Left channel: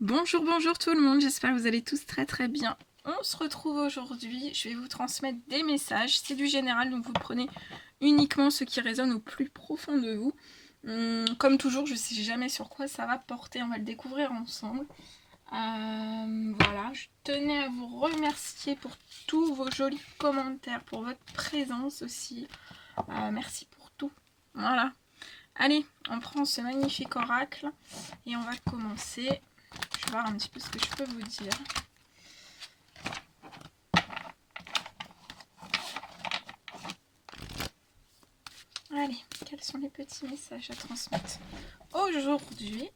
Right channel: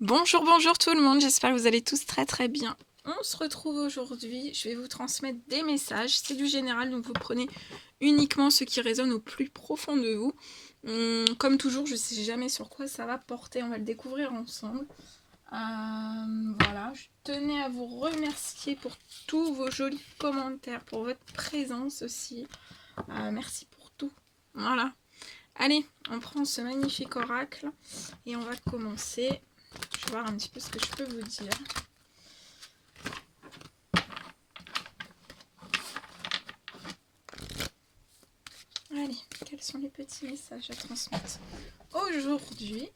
Bonjour, bonjour tout le monde, j'espère que vous allez tous très très bien. On se retrouve aujourd'hui, je vais vous transmettre des messages, c'est du général, donc vous prenez uniquement ce qui résonne au plus profond de vous. Comme toujours, je ne sais jamais sur quoi ça va porter, on va le découvrir ensemble. Voilà, je tenais à vous remercier pour tous vos jolis commentaires, pour votre présence aussi. Merci pour tout. Voilà. Allez, on prend ce magnifique oracle et on va commencer. Je vais voir un petit peu ce que je peux vous dire. Allez, quels sont les petits messages à transmettre aujourd'hui?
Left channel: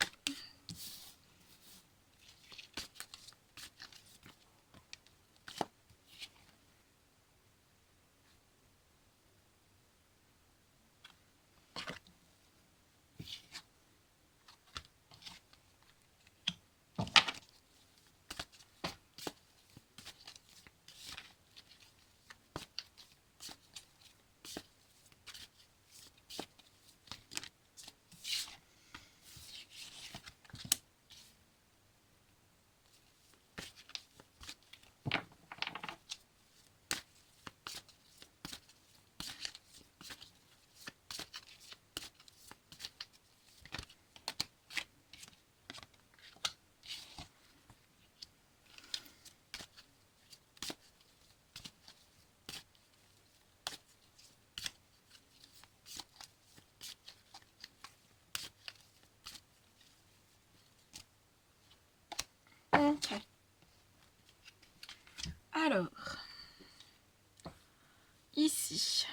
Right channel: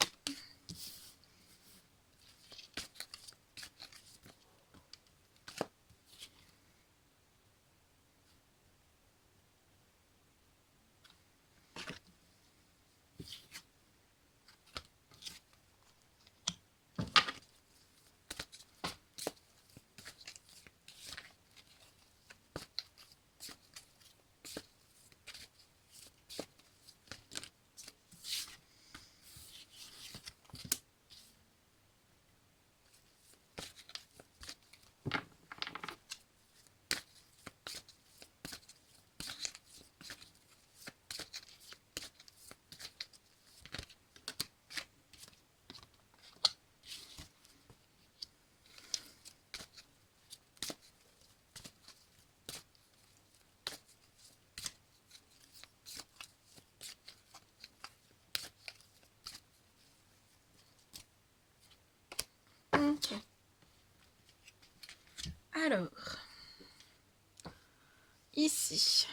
Ok. Alors, ici.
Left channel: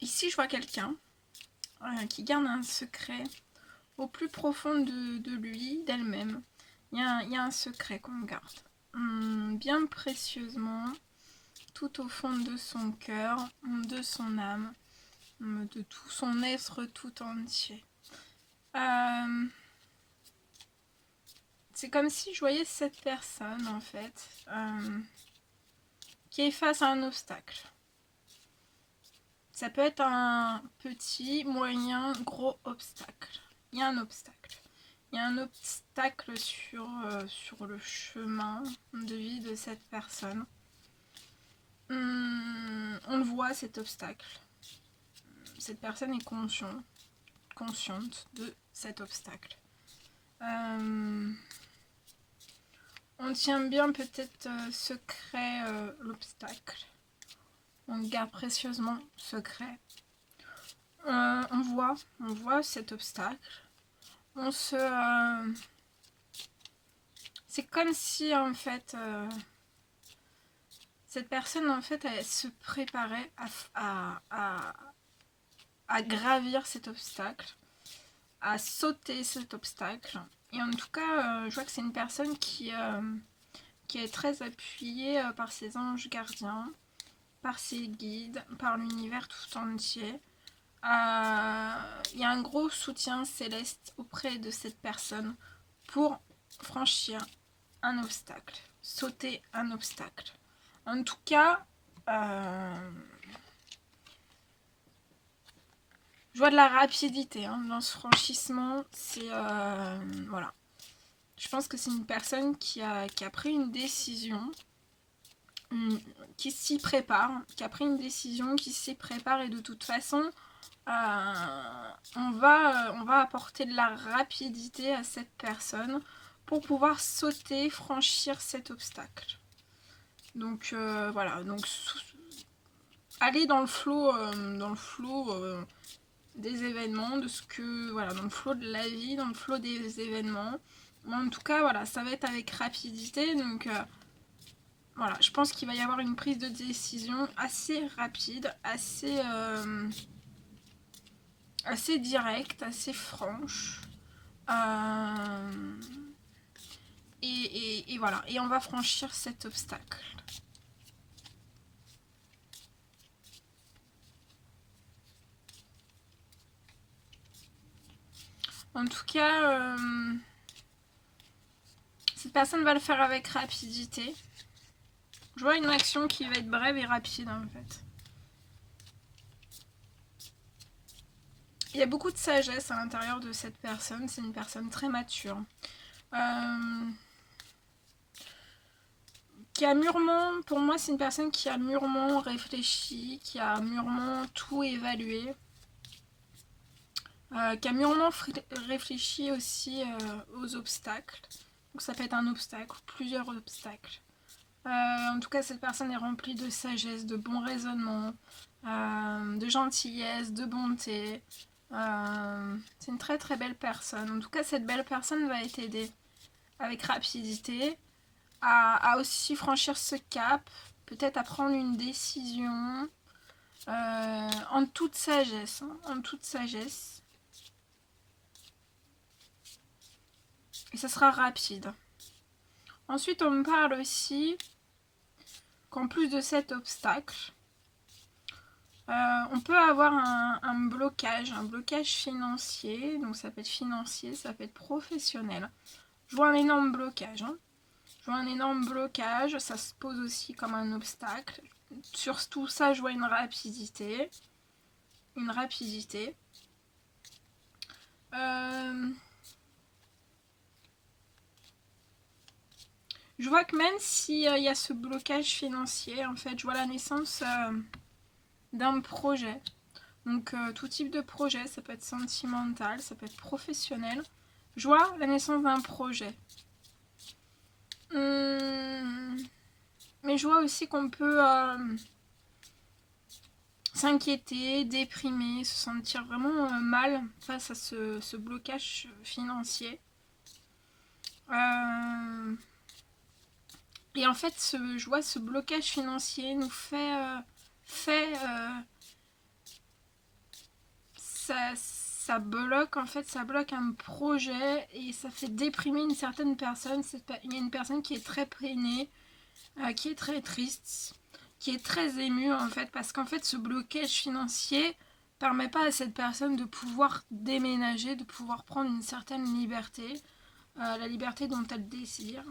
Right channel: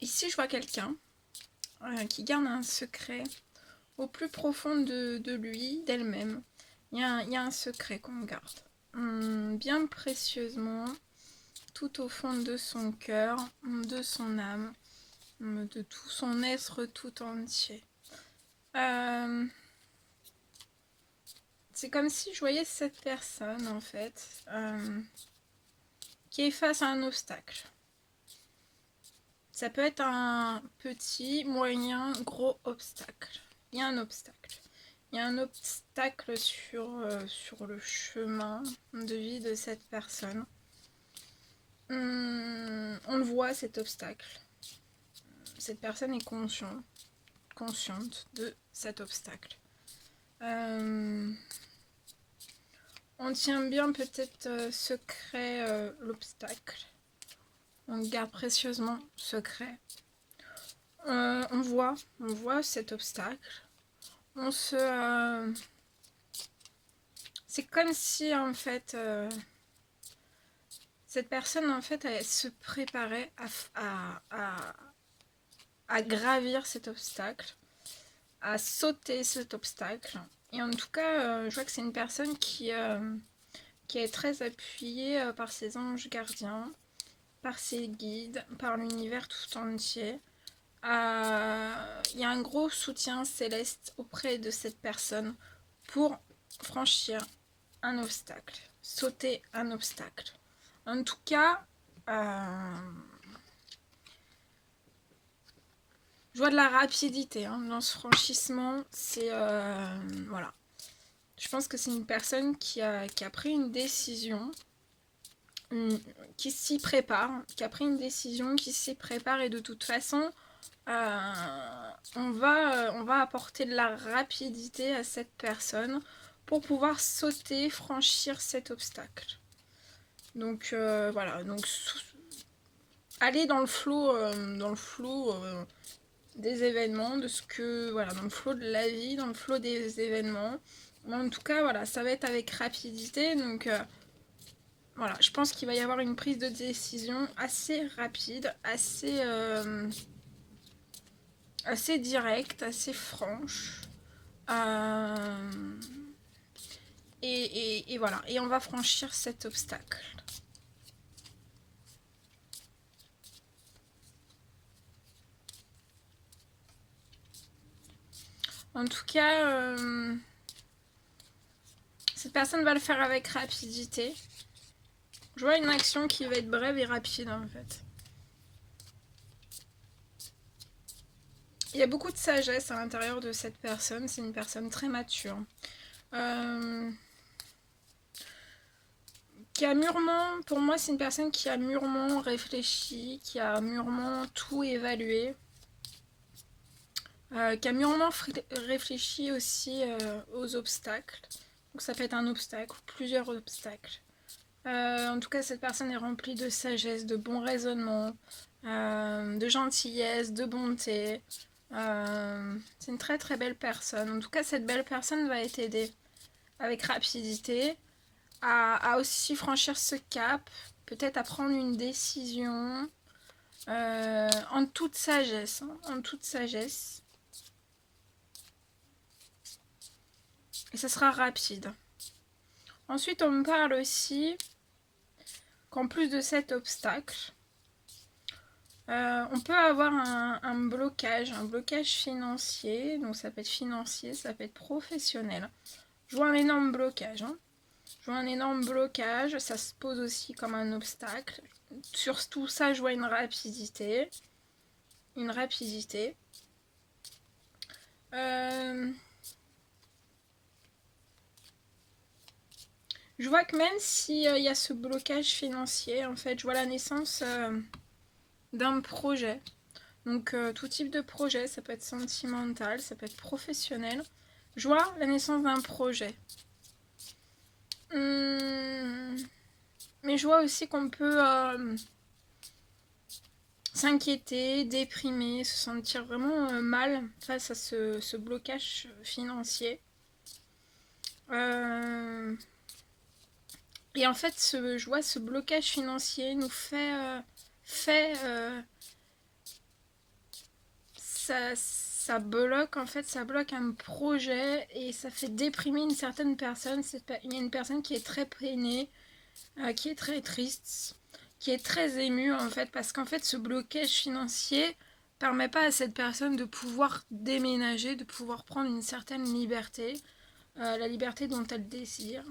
Ici, je vois quelqu'un qui garde un secret au plus profond de lui, d'elle-même. Il y a un secret qu'on garde bien précieusement, tout au fond de son cœur, de son âme, de tout son être tout entier. C'est comme si je voyais cette personne, en fait, qui est face à un obstacle. Ça peut être un petit, moyen, gros obstacle. Il y a un obstacle. Il y a un obstacle sur le chemin de vie de cette personne. On le voit, cet obstacle. Cette personne est consciente de cet obstacle. On tient bien peut-être secret l'obstacle. On garde précieusement secret. On voit cet obstacle. C'est comme si en fait cette personne en fait elle se préparait à gravir cet obstacle, à sauter cet obstacle. Et en tout cas, je vois que c'est une personne qui est très appuyée par ses anges gardiens, par ses guides, par l'univers tout entier. Il y a un gros soutien céleste auprès de cette personne pour franchir un obstacle, sauter un obstacle. En tout cas, je vois de la rapidité dans ce franchissement. C'est voilà. Je pense que c'est une personne qui a pris une décision, qui s'y prépare, qui a pris une décision, qui s'y prépare et de toute façon, on va apporter de la rapidité à cette personne pour pouvoir sauter, franchir cet obstacle. Donc voilà, donc aller dans le flot des événements, de ce que voilà, dans le flot de la vie, dans le flot des événements. Mais en tout cas, voilà, ça va être avec rapidité, donc voilà, je pense qu'il va y avoir une prise de décision assez rapide, assez directe, assez franche. Et voilà, et on va franchir cet obstacle. En tout cas, cette personne va le faire avec rapidité. Je vois une action qui va être brève et rapide en fait. Il y a beaucoup de sagesse à l'intérieur de cette personne. C'est une personne très mature. Qui a mûrement, pour moi, c'est une personne qui a mûrement réfléchi, qui a mûrement tout évalué. Qui a mûrement réfléchi aussi aux obstacles. Donc ça peut être un obstacle ou plusieurs obstacles. En tout cas, cette personne est remplie de sagesse, de bon raisonnement, de gentillesse, de bonté. C'est une très très belle personne. En tout cas, cette belle personne va t'aider avec rapidité à aussi franchir ce cap, peut-être à prendre une décision en toute sagesse. En toute sagesse. Et ça sera rapide. Ensuite, on me parle aussi qu'en plus de cet obstacle, on peut avoir un blocage financier. Donc ça peut être financier, ça peut être professionnel. Je vois un énorme blocage. Je vois un énorme blocage, ça se pose aussi comme un obstacle. Sur tout ça, je vois une rapidité. Une rapidité. Je vois que même s'il y a ce blocage financier, en fait, je vois la naissance d'un projet. Donc tout type de projet, ça peut être sentimental, ça peut être professionnel. Je vois la naissance d'un projet. Mais je vois aussi qu'on peut s'inquiéter, déprimer, se sentir vraiment mal face à ce blocage financier. Et en fait, je vois ce blocage financier nous fait ça bloque, en fait, ça bloque un projet et ça fait déprimer une certaine personne. Il y a une personne qui est très peinée, qui est très triste, qui est très émue, en fait, parce qu'en fait, ce blocage financier permet pas à cette personne de pouvoir déménager, de pouvoir prendre une certaine liberté, la liberté dont elle désire.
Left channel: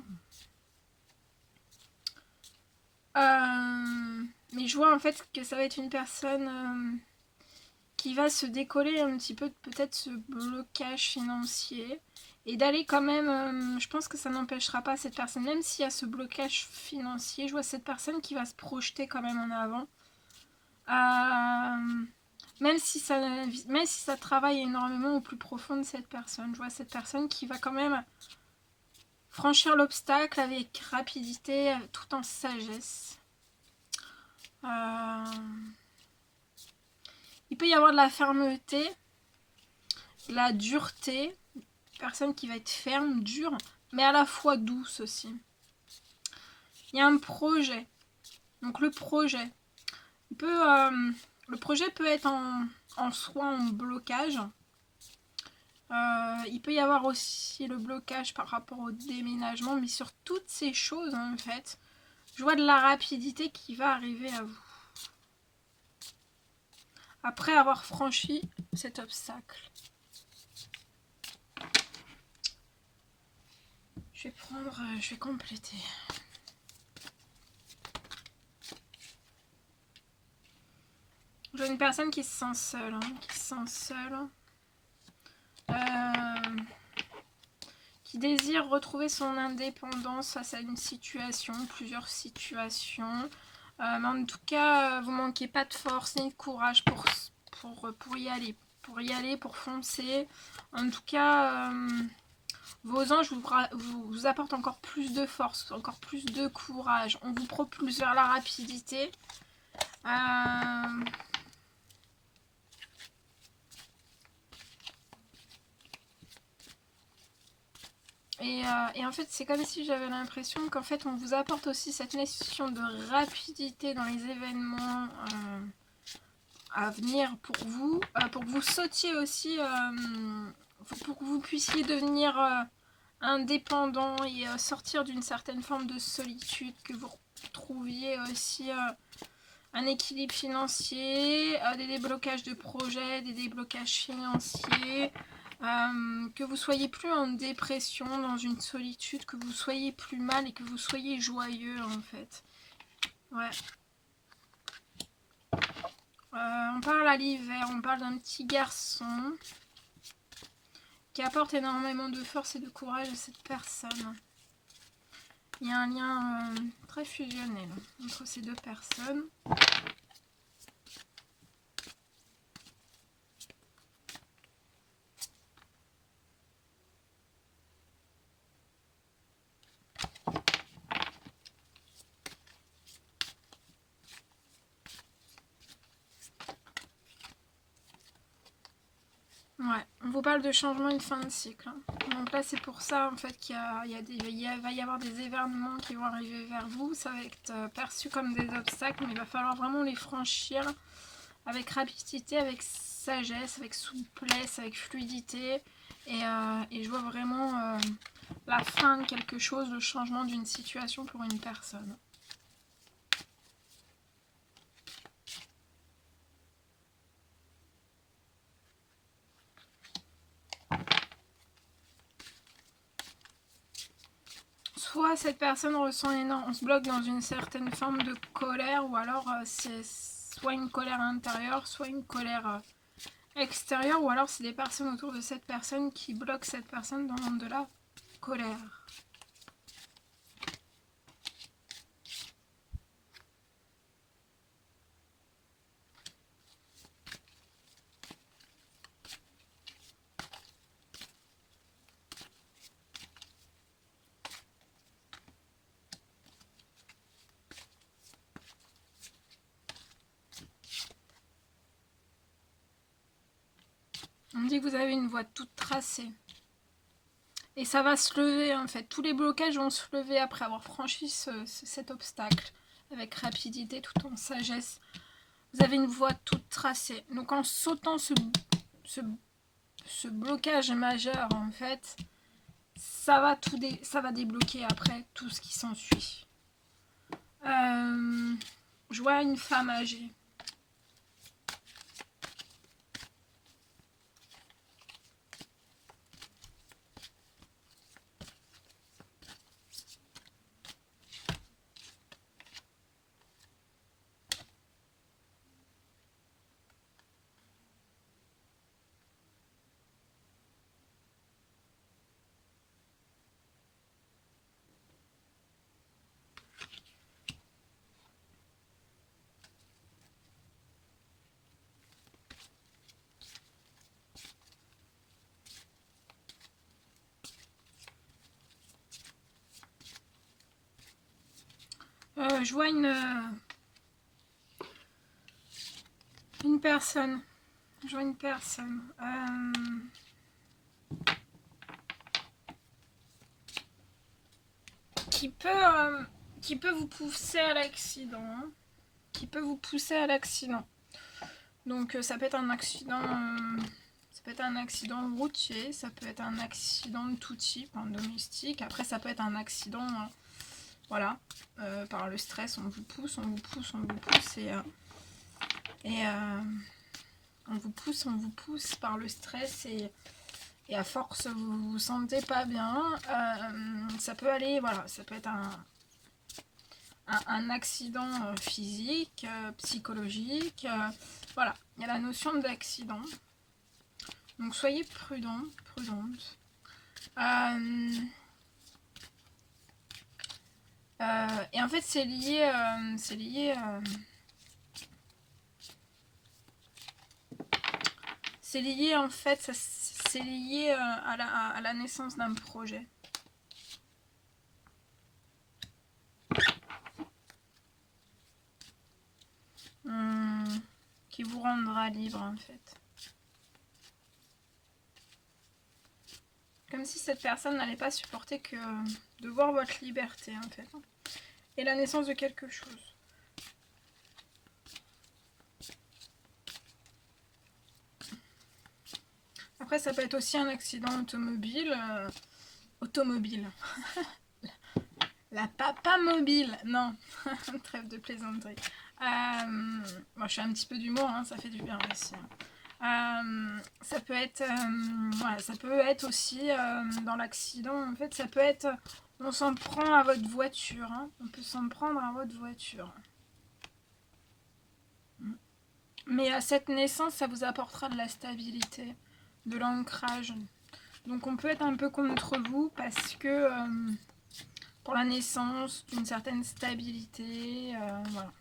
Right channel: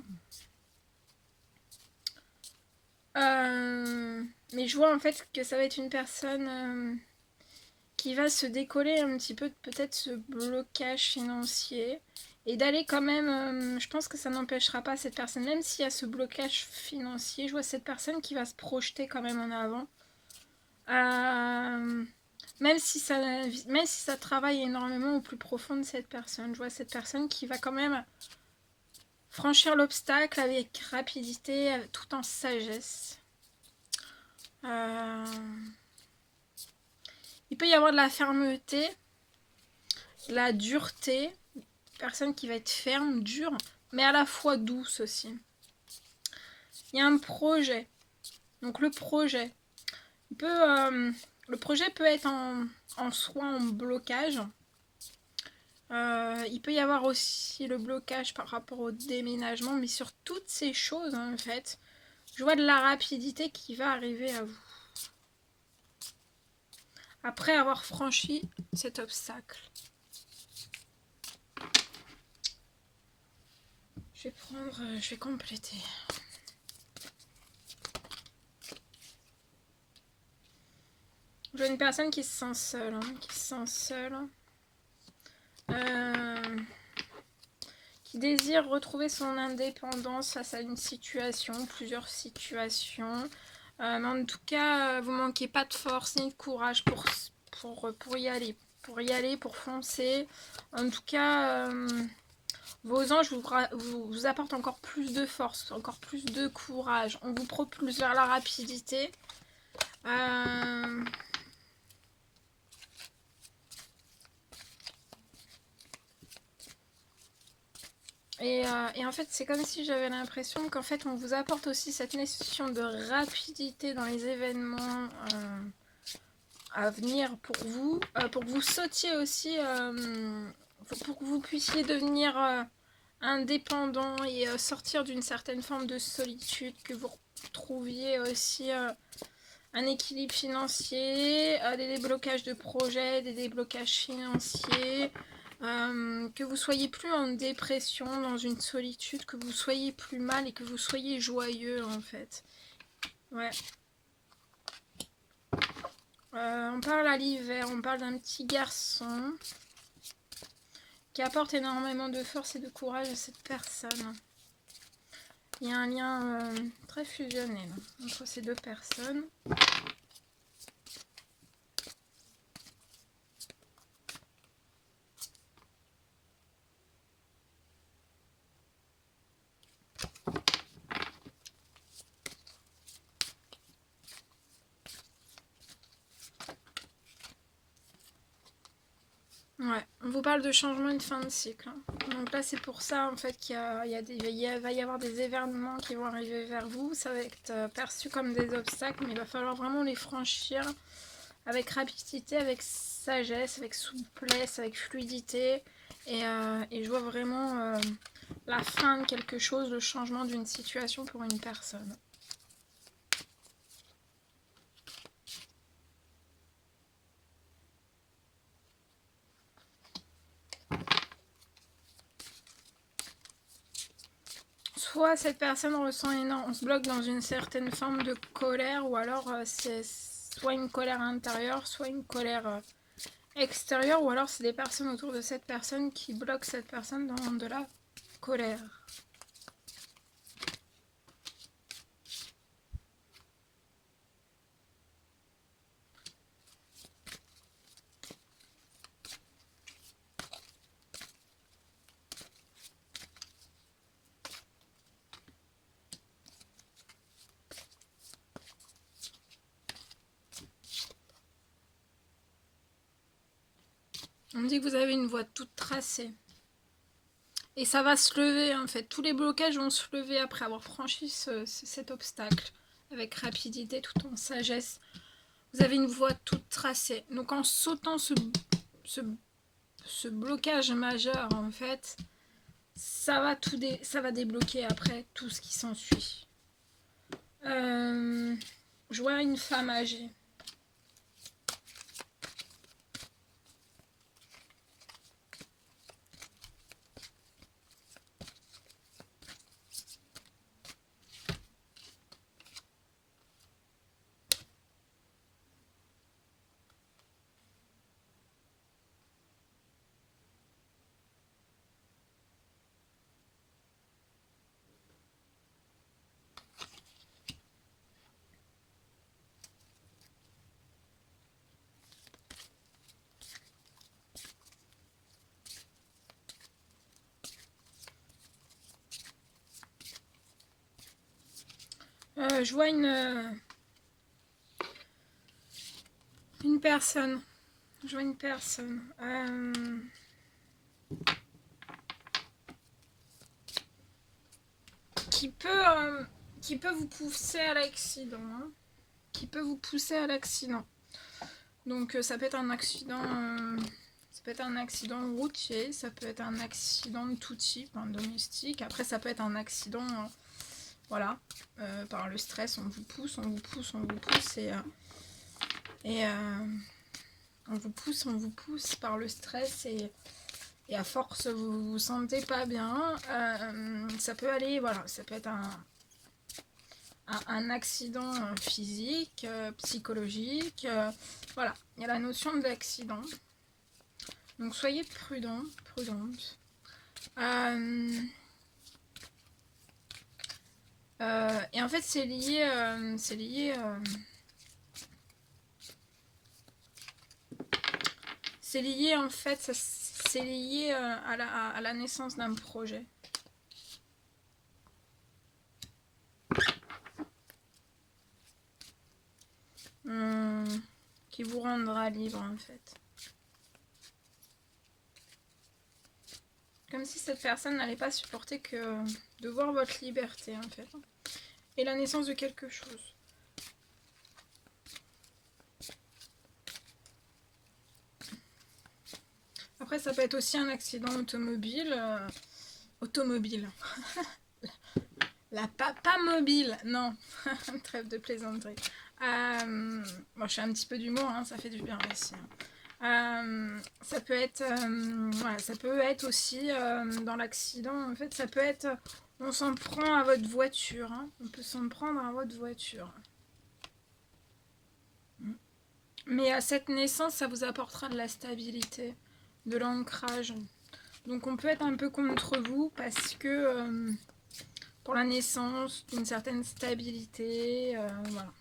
Mais je vois en fait que ça va être une personne qui va se décoller un petit peu peut-être ce blocage financier et d'aller quand même, je pense que ça n'empêchera pas cette personne, même s'il y a ce blocage financier, je vois cette personne qui va se projeter quand même en avant. Même si ça travaille énormément au plus profond de cette personne, je vois cette personne qui va quand même franchir l'obstacle avec rapidité, tout en sagesse. Il peut y avoir de la fermeté, de la dureté, personne qui va être ferme, dure, mais à la fois douce aussi. Il y a un projet. Donc le projet, le projet peut être en soi en blocage. Il peut y avoir aussi le blocage par rapport au déménagement, mais sur toutes ces choses en fait, je vois de la rapidité qui va arriver à vous. Après avoir franchi cet obstacle. Je vais compléter. Je vois une personne qui se sent seule, qui désire retrouver son indépendance face à une situation, plusieurs situations. Mais en tout cas, vous manquez pas de force ni de courage pour y aller. Pour foncer. En tout cas, vos anges vous apportent encore plus de force, encore plus de courage. On vous propulse vers la rapidité. Et en fait, c'est comme si j'avais l'impression qu'en fait, on vous apporte aussi cette notion de rapidité dans les événements à venir pour que vous sautiez aussi, pour que vous puissiez devenir indépendant et sortir d'une certaine forme de solitude, que vous retrouviez aussi un équilibre financier, des déblocages de projets, des déblocages financiers, que vous soyez plus en dépression, dans une solitude, que vous soyez plus mal et que vous soyez joyeux en fait. Ouais. On parle à l'hiver, on parle d'un petit garçon qui apporte énormément de force et de courage à cette personne. Il y a un lien très fusionnel entre ces deux personnes. Ouais, on vous parle de changement et de fin de cycle. Donc là, c'est pour ça en fait qu'il va y avoir des événements qui vont arriver vers vous. Ça va être perçu comme des obstacles, mais il va falloir vraiment les franchir avec rapidité, avec sagesse, avec souplesse, avec fluidité. Et je vois vraiment la fin de quelque chose, le changement d'une situation pour une personne. Soit cette personne ressent on se bloque dans une certaine forme de colère, ou alors c'est soit une colère intérieure, soit une colère extérieure, ou alors c'est des personnes autour de cette personne qui bloquent cette personne dans de la colère. On me dit que vous avez une voie toute tracée. Et ça va se lever en fait. Tous les blocages vont se lever après avoir franchi cet obstacle. Avec rapidité, tout en sagesse. Vous avez une voie toute tracée. Donc en sautant ce blocage majeur en fait, ça va débloquer après tout ce qui s'ensuit. Je vois une femme âgée. Je vois une personne. Je vois une personne. Qui peut vous pousser à l'accident. Qui peut vous pousser à l'accident. Donc ça peut être un accident. Ça peut être un accident routier. Ça peut être un accident de tout type, domestique. Après, ça peut être un accident. Voilà, par le stress, on vous pousse, on vous pousse on vous pousse par le stress et à force vous vous sentez pas bien. Ça peut aller, voilà, ça peut être un accident physique, psychologique, voilà, il y a la notion d'accident. Donc soyez prudent, prudente. Et en fait, c'est lié en fait, c'est lié à la naissance d'un projet. Qui vous rendra libre en fait. Comme si cette personne n'allait pas supporter que de voir votre liberté en fait. Et la naissance de quelque chose. Après, ça peut être aussi un accident automobile. La papa mobile. Non, trêve de plaisanterie. Bon, je fais un petit peu d'humour, hein, ça fait du bien aussi. Ça peut être, voilà, ça peut être aussi dans l'accident. En fait, ça peut être, on s'en prend à votre voiture. Hein, on peut s'en prendre à votre voiture. Mais à cette naissance, ça vous apportera de la stabilité, de l'ancrage. Donc on peut être un peu contre vous parce que pour la naissance d'une certaine stabilité, voilà.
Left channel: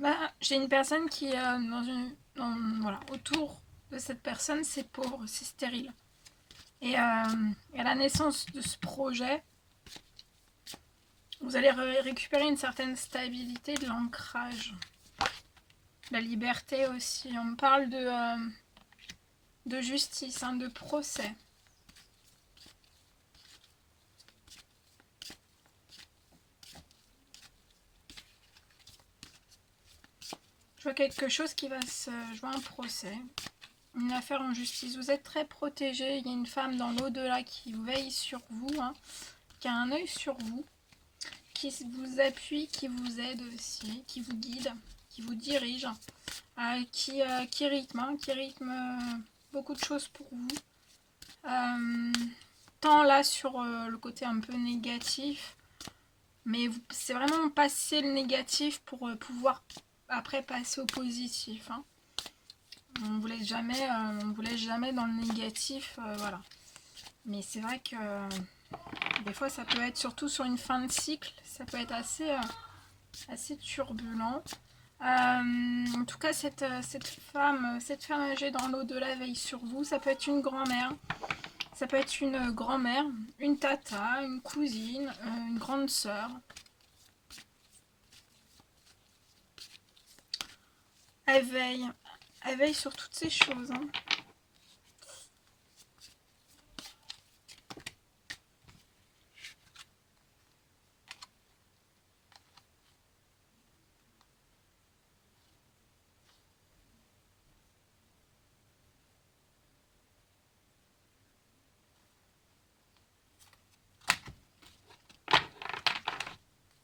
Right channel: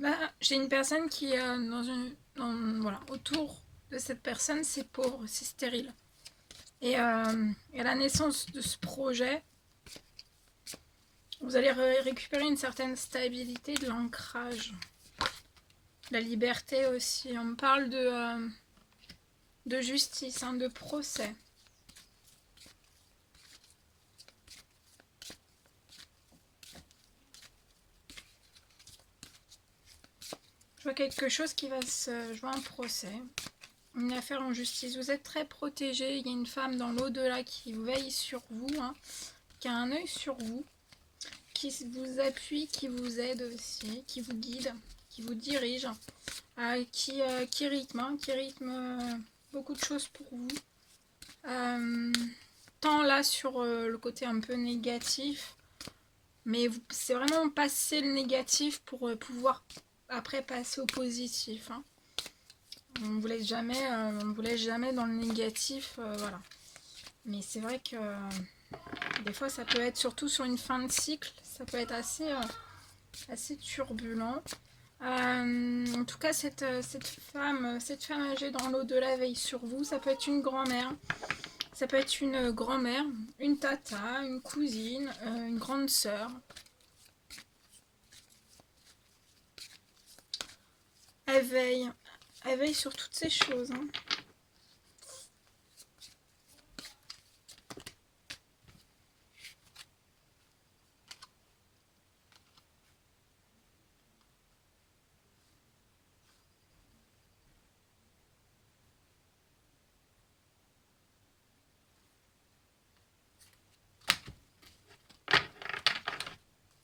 Bah, j'ai une personne qui est voilà, autour de cette personne, c'est pauvre, c'est stérile. Et à la naissance de ce projet, vous allez récupérer une certaine stabilité, de l'ancrage, la liberté aussi. On me parle de justice, hein, de procès. Je vois quelque chose qui va je vois un procès, une affaire en justice. Vous êtes très protégé. Il y a une femme dans l'au-delà qui veille sur vous, hein, qui a un œil sur vous, qui vous appuie, qui vous aide aussi, qui vous guide, qui vous dirige, qui rythme beaucoup de choses pour vous. Tant là sur le côté un peu négatif, mais c'est vraiment passer le négatif pour pouvoir après passer au positif, hein. On vous laisse jamais, dans le négatif, voilà. Mais c'est vrai que des fois ça peut être, surtout sur une fin de cycle, ça peut être assez turbulent. En tout cas, cette femme âgée dans l'au-delà veille sur vous. Ça peut être une grand-mère, ça peut être une grand-mère, une tata, une cousine, une grande sœur. Elle veille sur toutes ces choses, hein.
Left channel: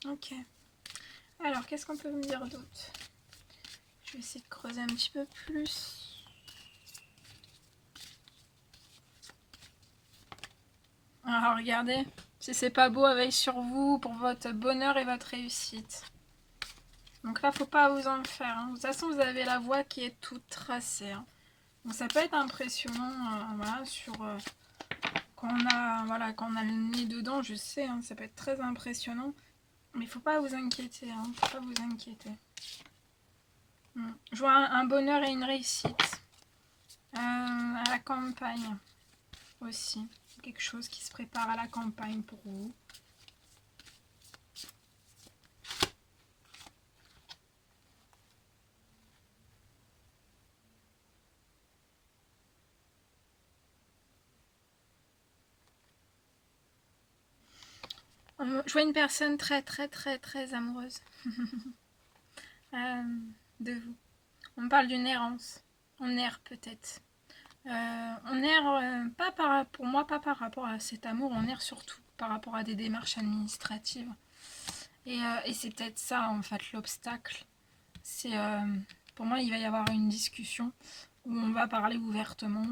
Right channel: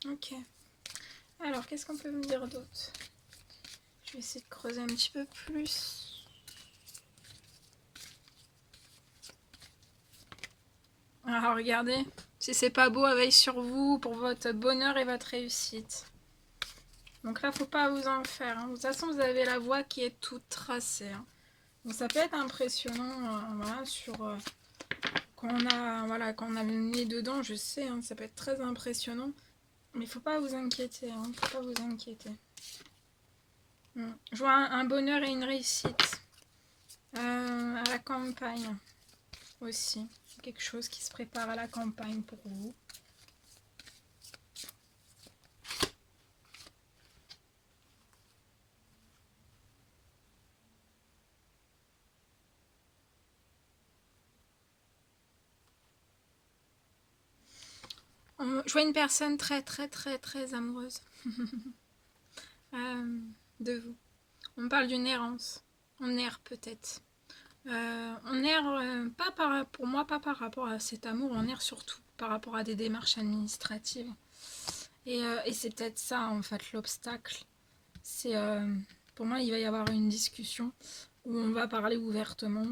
Ok. Alors, qu'est-ce qu'on peut me dire d'autre? Je vais essayer de creuser un petit peu plus. Alors, regardez. Si c'est pas beau, elle veille sur vous pour votre bonheur et votre réussite. Donc là, faut pas vous en faire, hein. De toute façon, vous avez la voie qui est toute tracée, hein. Donc ça peut être impressionnant, voilà, sur quand on a le nez dedans, je sais, hein, ça peut être très impressionnant. Mais faut pas vous inquiéter, hein, faut pas vous inquiéter. Je vois un bonheur et une réussite à la campagne aussi. Quelque chose qui se prépare à la campagne pour vous. Je vois une personne très très très très amoureuse de vous. On me parle d'une errance. On erre peut-être. On erre pour moi, pas par rapport à cet amour, on erre surtout par rapport à des démarches administratives. Et c'est peut-être ça en fait l'obstacle. C'est pour moi il va y avoir une discussion où on va parler ouvertement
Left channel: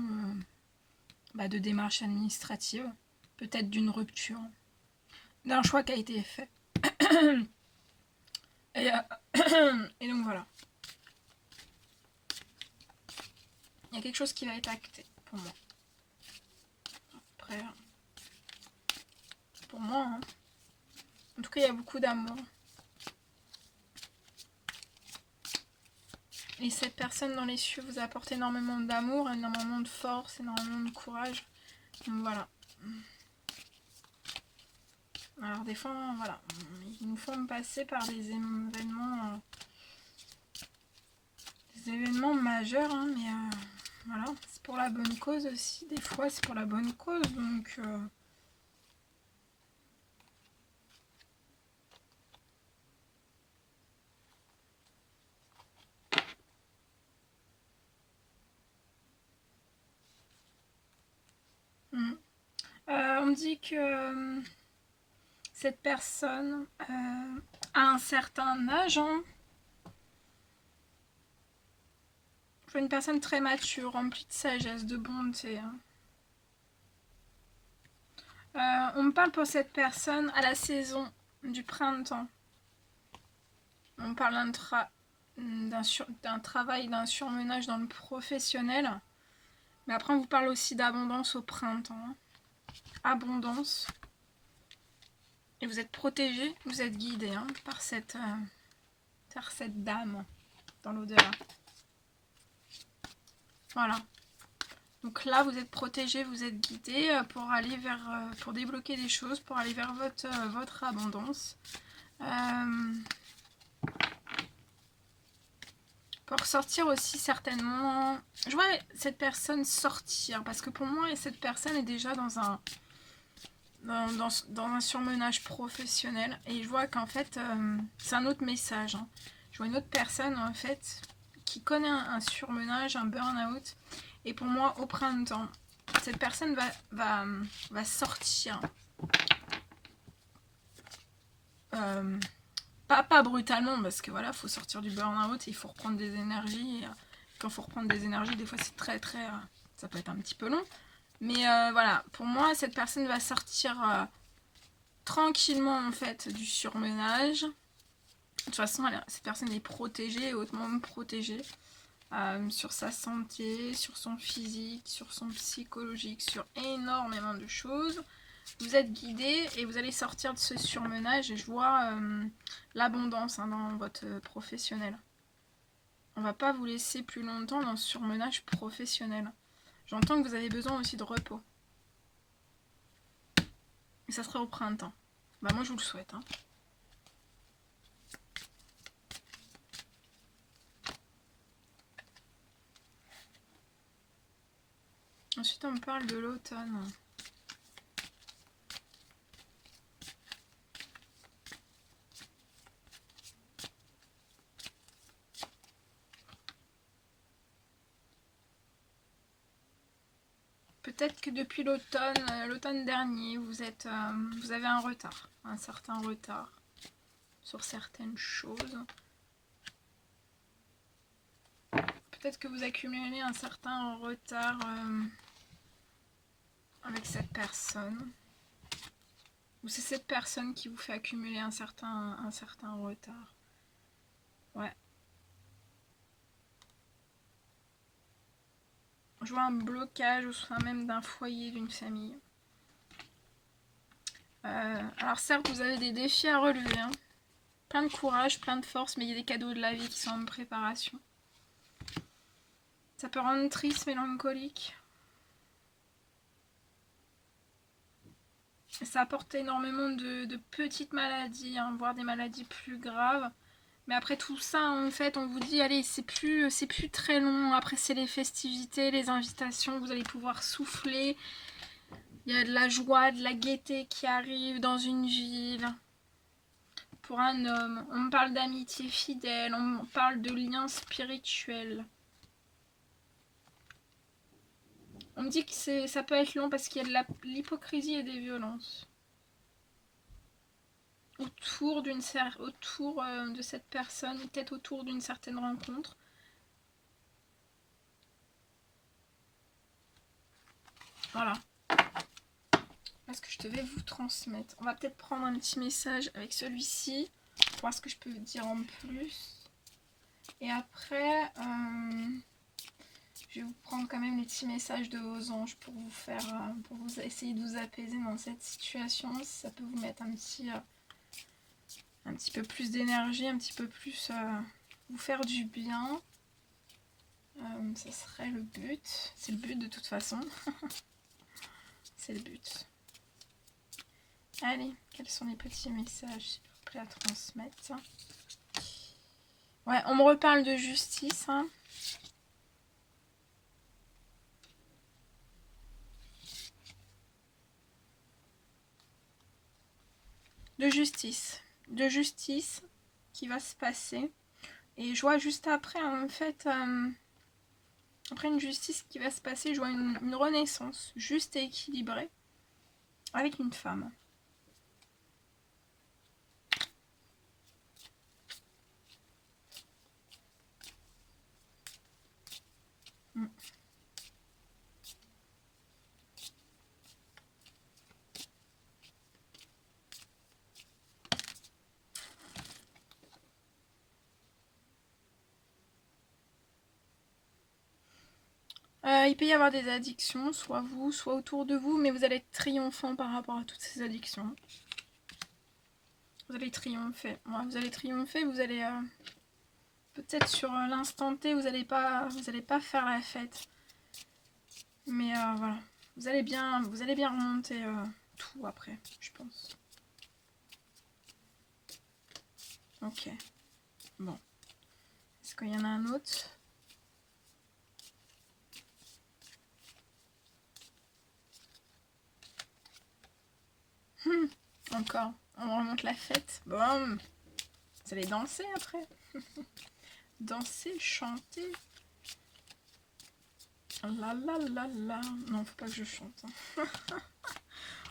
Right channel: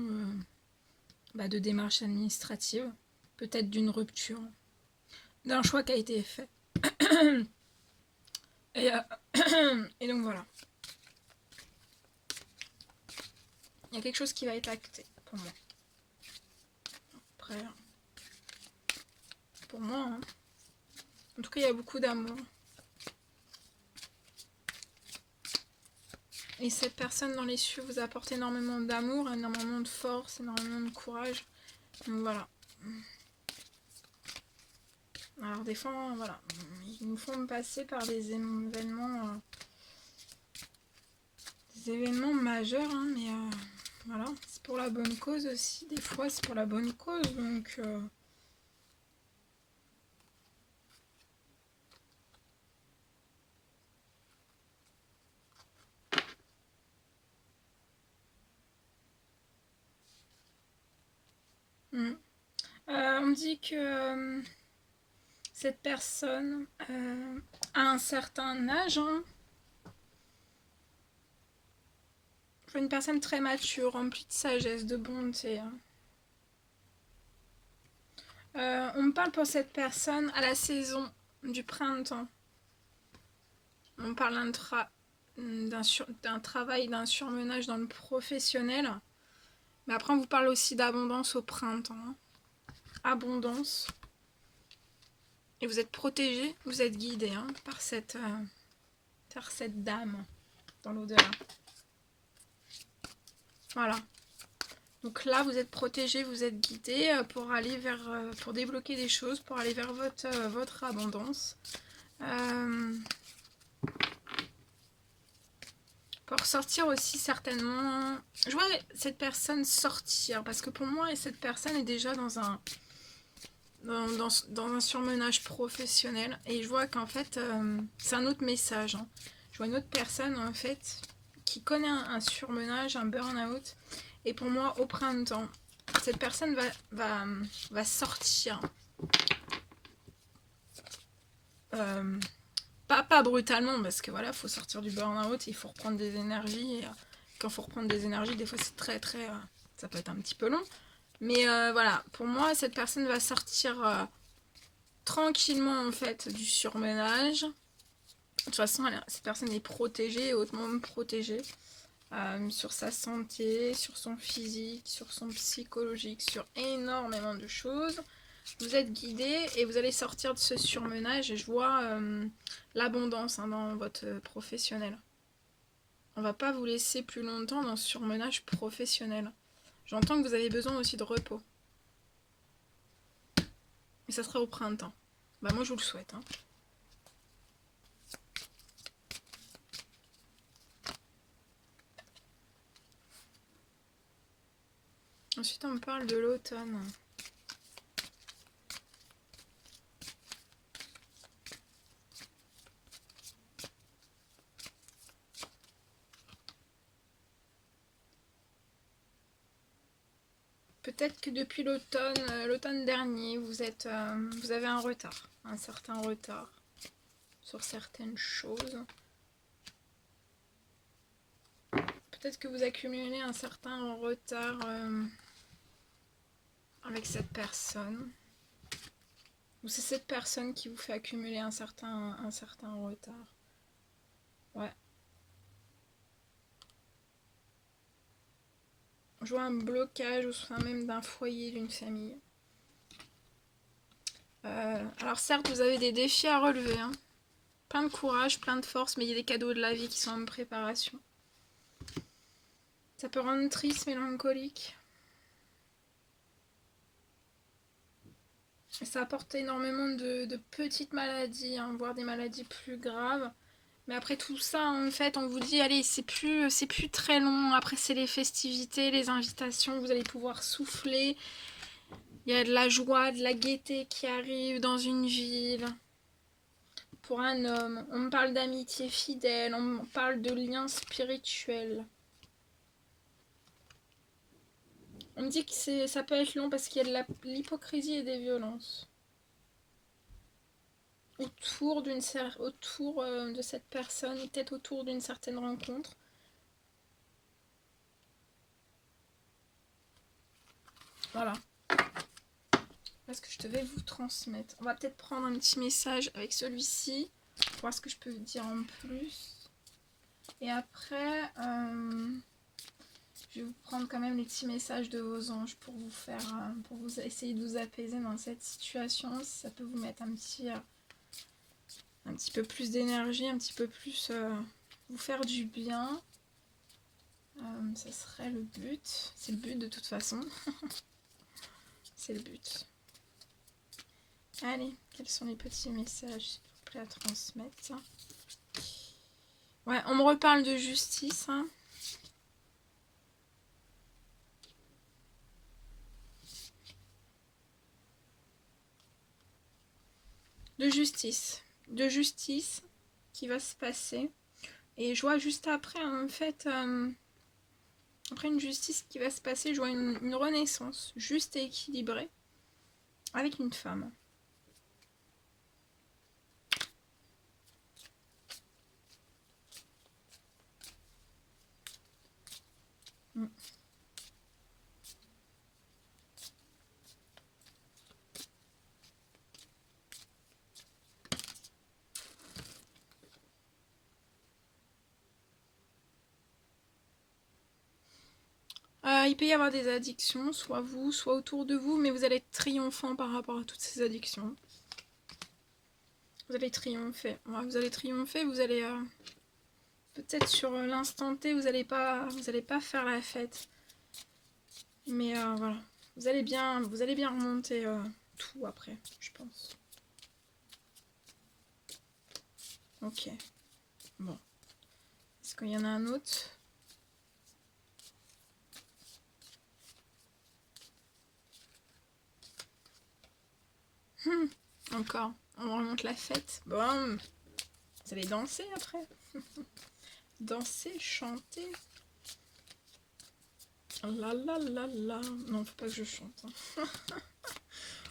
de démarches administratives, peut-être d'une rupture, d'un choix qui a été fait. et, et donc voilà. Il y a quelque chose qui va être acté pour moi. Après, pour moi, hein. En tout cas, il y a beaucoup d'amour. Et cette personne dans les cieux vous apporte énormément d'amour, énormément de force, énormément de courage. Donc voilà. Alors des fois, voilà, ils nous font passer par des événements majeurs, hein, mais voilà, c'est pour la bonne cause aussi. Des fois, c'est pour la bonne cause, donc on me dit que cette personne a un certain âge, hein. Je vois une personne très mature, remplie de sagesse, de bonté. On me parle pour cette personne à la saison du printemps. On parle d'un travail, d'un surmenage dans le professionnel. Mais après, on vous parle aussi d'abondance au printemps. Abondance. Et vous êtes protégé, vous êtes guidé par cette dame dans l'au-delà. Voilà. Donc là, vous êtes protégé, vous êtes guidé pour aller pour débloquer des choses, pour aller vers votre abondance. Pour sortir aussi certainement. Je vois cette personne sortir parce que pour moi, cette personne est déjà dans un surmenage professionnel et je vois qu'en fait, c'est un autre message. Je vois une autre personne en fait qui connaît un surmenage, un burn-out. Et pour moi, au printemps, cette personne va sortir. Pas brutalement, parce que voilà, faut sortir du burn-out, il faut reprendre des énergies. Et quand il faut reprendre des énergies, des fois c'est très ça peut être un petit peu long. Mais voilà, pour moi, cette personne va sortir tranquillement en fait du surmenage. De toute façon, cette personne est protégée, hautement protégée. Sur sa santé, sur son physique, sur son psychologique, sur énormément de choses. Vous êtes guidé et vous allez sortir de ce surmenage et je vois l'abondance dans votre professionnel. On va pas vous laisser plus longtemps dans ce surmenage professionnel. J'entends que vous avez besoin aussi de repos. Et ça sera au printemps. Bah moi je vous le souhaite. Ensuite on me parle de l'automne. Peut-être que depuis l'automne dernier, vous avez un retard, un certain retard sur certaines choses. Peut-être que vous accumulez un certain retard avec cette personne. Ou c'est cette personne qui vous fait accumuler un certain retard. Ouais. Je vois un blocage au sein même d'un foyer, d'une famille. Alors certes, vous avez des défis à relever. Plein de courage, plein de force, mais il y a des cadeaux de la vie qui sont en préparation. Ça peut rendre triste, mélancolique. Ça apporte énormément de petites maladies, voire des maladies plus graves. Mais après tout ça, en fait, on vous dit, allez, c'est plus très long. Après, c'est les festivités, les invitations, vous allez pouvoir souffler. Il y a de la joie, de la gaieté qui arrive dans une ville. Pour un homme, on me parle d'amitié fidèle, on me parle de liens spirituels. On me dit que ça peut être long parce qu'il y a de l'hypocrisie et des violences. Autour de cette personne, peut-être autour d'une certaine rencontre. Voilà. Voilà ce que je devais vous transmettre. On va peut-être prendre un petit message avec celui-ci. Pour voir ce que je peux vous dire en plus. Et après, je vais vous prendre quand même les petits messages de vos anges pour vous essayer de vous apaiser dans cette situation. Si ça peut vous mettre un petit peu plus d'énergie, un petit peu plus vous faire du bien. Ça serait le but. C'est le but de toute façon. C'est le but. Allez, quels sont les petits messages, s'il vous plaît, à transmettre? Ouais, on me reparle de justice. De justice qui va se passer. Et je vois juste après, en fait, après une justice qui va se passer, je vois une renaissance juste et équilibrée avec une femme. Mm. Il peut y avoir des addictions, soit vous, soit autour de vous, mais vous allez être triomphant par rapport à toutes ces addictions. Vous allez triompher. Ouais, vous allez triompher, vous allez... peut-être sur l'instant T, vous n'allez pas faire la fête. Mais voilà. Vous allez bien remonter tout après, je pense. Ok. Bon. Est-ce qu'il y en a un autre ? Encore. On remonte la fête. Bon. Vous allez danser après. Danser, chanter. La la la la. Non, faut pas que je chante. Hein.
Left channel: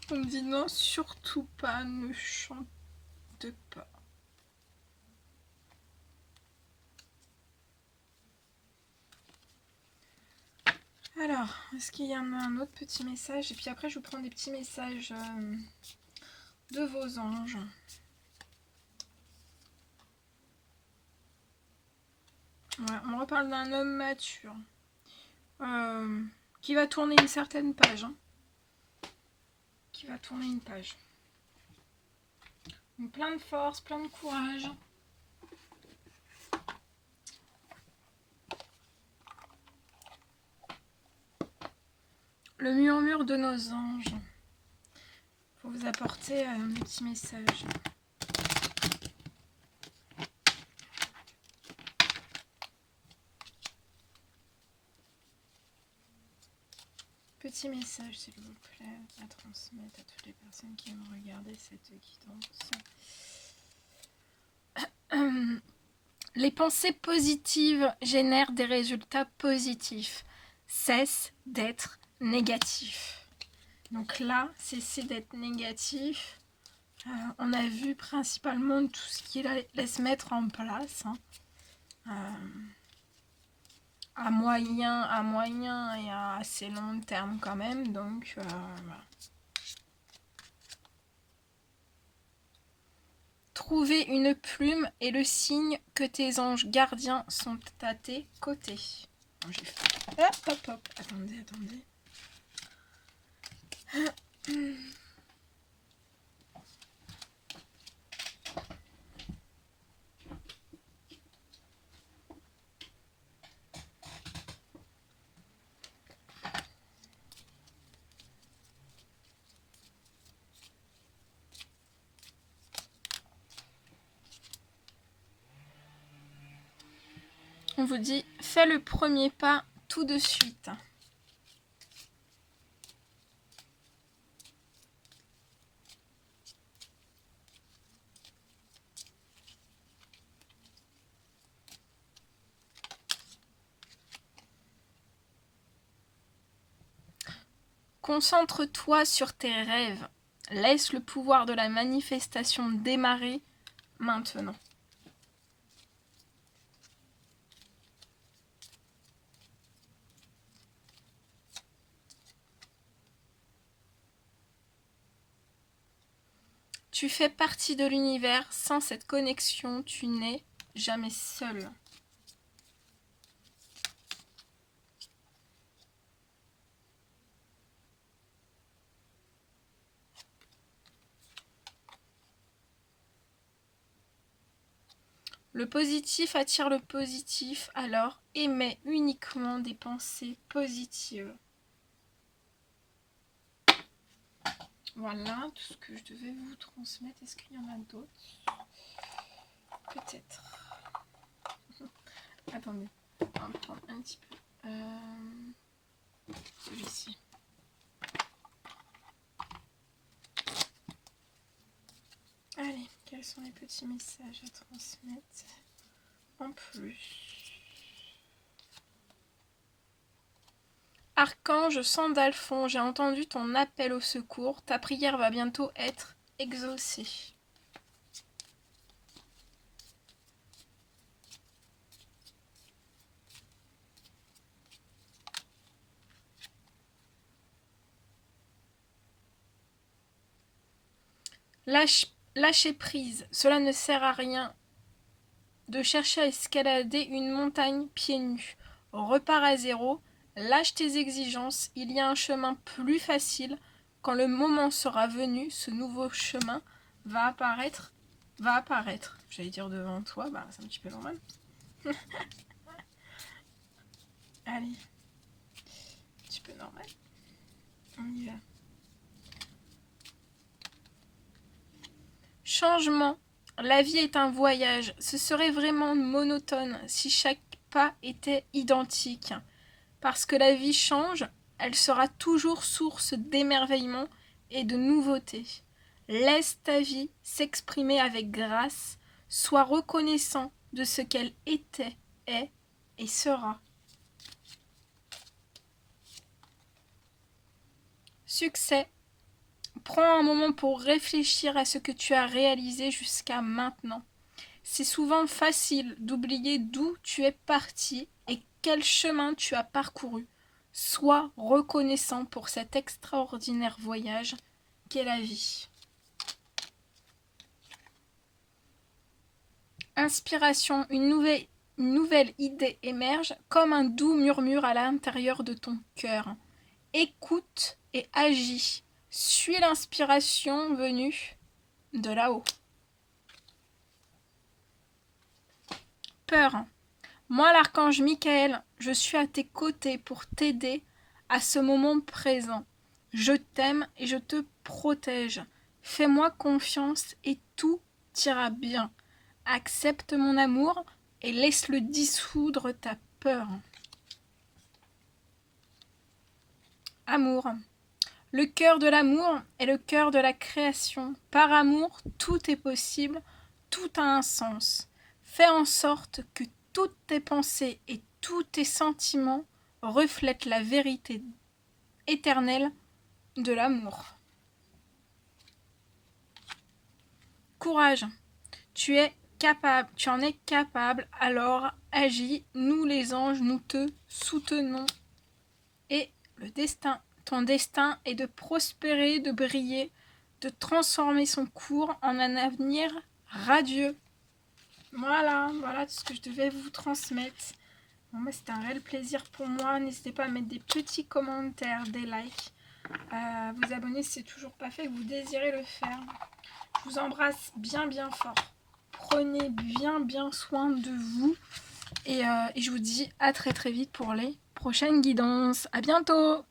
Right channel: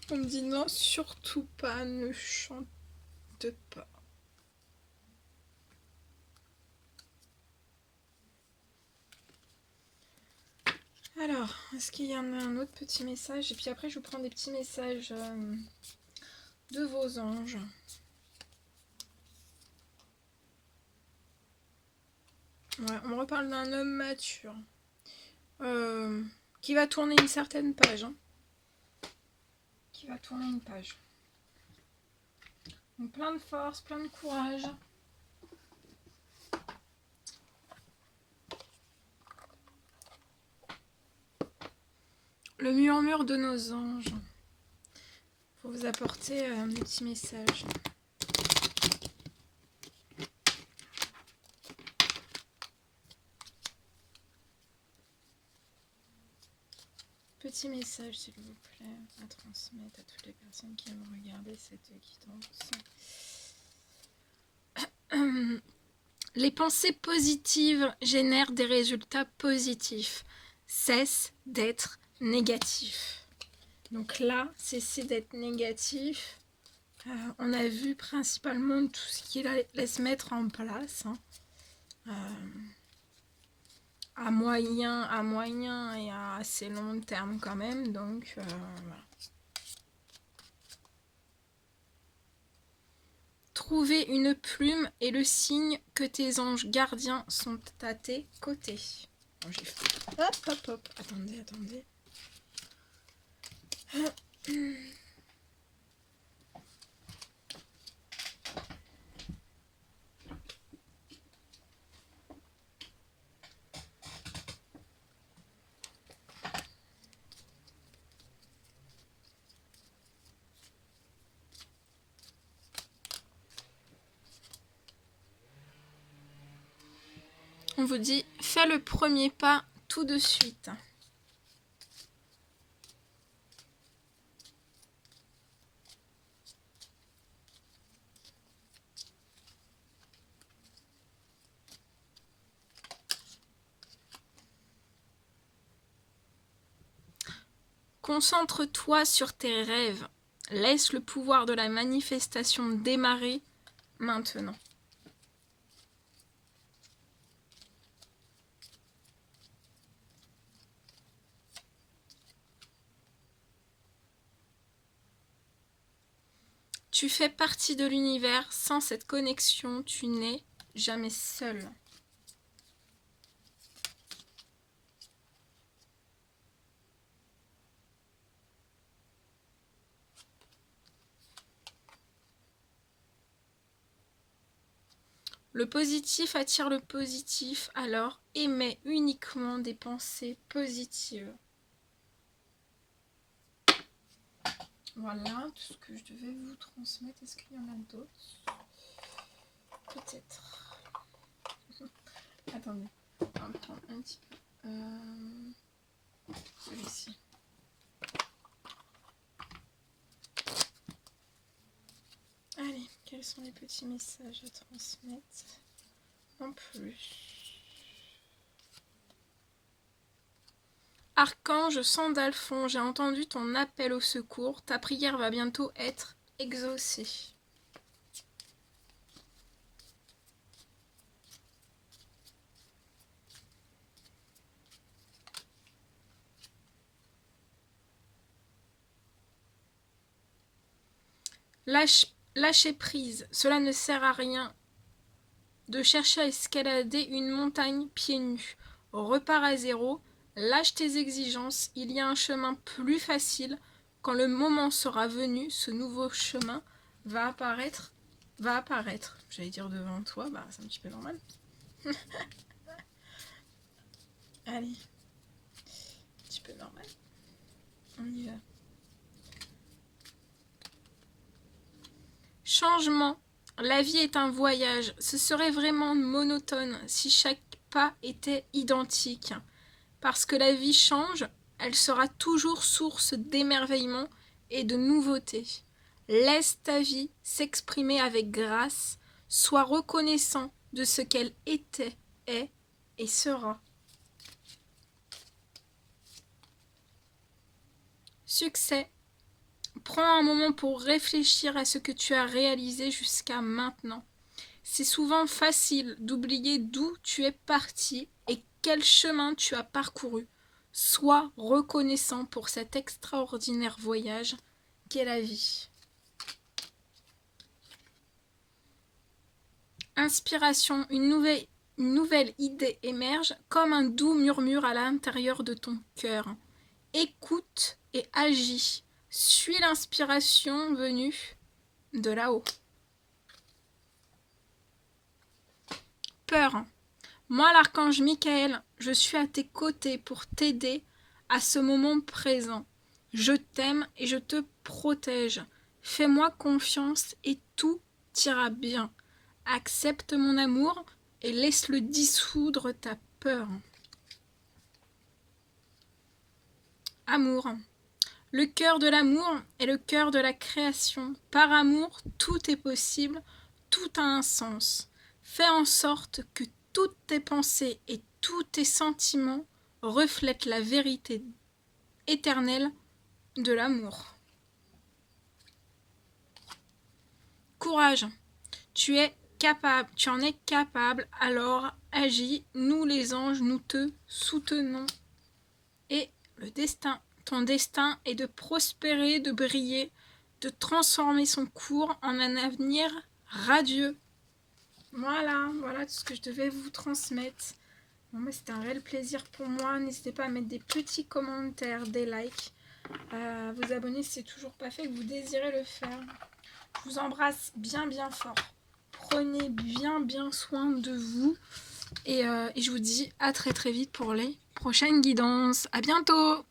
On me dit non, surtout pas, ne chante pas. Alors, est-ce qu'il y en a un autre petit message? Et puis après, je vous prends des petits messages de vos anges. Ouais, on me reparle d'un homme mature qui va tourner une certaine page. Hein. Qui va tourner une page. Donc, plein de force, plein de courage. Le murmure de nos anges. Pour vous apporter des petits messages. Petit message, s'il vous plaît, à transmettre à toutes les personnes qui vont regarder cette guidance. Les pensées positives génèrent des résultats positifs. Cesse d'être négatif. Donc là, cessez d'être négatif. On a vu principalement tout ce qu'il allait se mettre en place. Hein. À moyen et à assez long terme quand même. Donc voilà. Trouver une plume est le signe que tes anges gardiens sont à tes côtés. Oh, j'ai fait... Hop, hop, hop. Attendez. On vous dit, fais le premier pas tout de suite. Concentre-toi sur tes rêves. Laisse le pouvoir de la manifestation démarrer maintenant. Tu fais partie de l'univers. Sans cette connexion, tu n'es jamais seul. Le positif attire le positif, alors émets uniquement des pensées positives. Voilà tout ce que je devais vous transmettre. Est-ce qu'il y en a d'autres? Peut-être. Attendez, on va prendre un petit peu celui-ci. Allez, quels sont les petits messages à transmettre en plus? Archange Sandalphon, j'ai entendu ton appel au secours. Ta prière va bientôt être exaucée. Lâchez prise, cela ne sert à rien de chercher à escalader une montagne pieds nus. Repars à zéro, lâche tes exigences, il y a un chemin plus facile. Quand le moment sera venu, ce nouveau chemin va apparaître. J'allais dire devant toi, bah c'est un petit peu normal. Allez, un petit peu normal. On y va. Changement. La vie est un voyage. Ce serait vraiment monotone si chaque pas était identique. Parce que la vie change, elle sera toujours source d'émerveillement et de nouveautés. Laisse ta vie s'exprimer avec grâce. Sois reconnaissant de ce qu'elle était, est et sera. Succès. Prends un moment pour réfléchir à ce que tu as réalisé jusqu'à maintenant. C'est souvent facile d'oublier d'où tu es parti et quel chemin tu as parcouru. Sois reconnaissant pour cet extraordinaire voyage qu'est la vie. Inspiration, une nouvelle idée émerge comme un doux murmure à l'intérieur de ton cœur. Écoute et agis. Suis l'inspiration venue de là-haut. Peur. Moi, l'archange Michael, je suis à tes côtés pour t'aider à ce moment présent. Je t'aime et je te protège. Fais-moi confiance et tout ira bien. Accepte mon amour et laisse-le dissoudre ta peur. Amour. Le cœur de l'amour est le cœur de la création. Par amour, tout est possible, tout a un sens. Fais en sorte que toutes tes pensées et tous tes sentiments reflètent la vérité éternelle de l'amour. Courage. Tu en es capable, alors agis. Nous les anges, nous te soutenons. Et le destin. Ton destin est de prospérer, de briller, de transformer son cours en un avenir radieux. Voilà tout ce que je devais vous transmettre. Bon, c'était un réel plaisir pour moi. N'hésitez pas à mettre des petits commentaires, des likes, à vous abonner si c'est toujours pas fait, que vous désirez le faire. Je vous embrasse bien fort. Prenez bien soin de vous. Et je vous dis à très vite pour les prochaines guidances. À bientôt!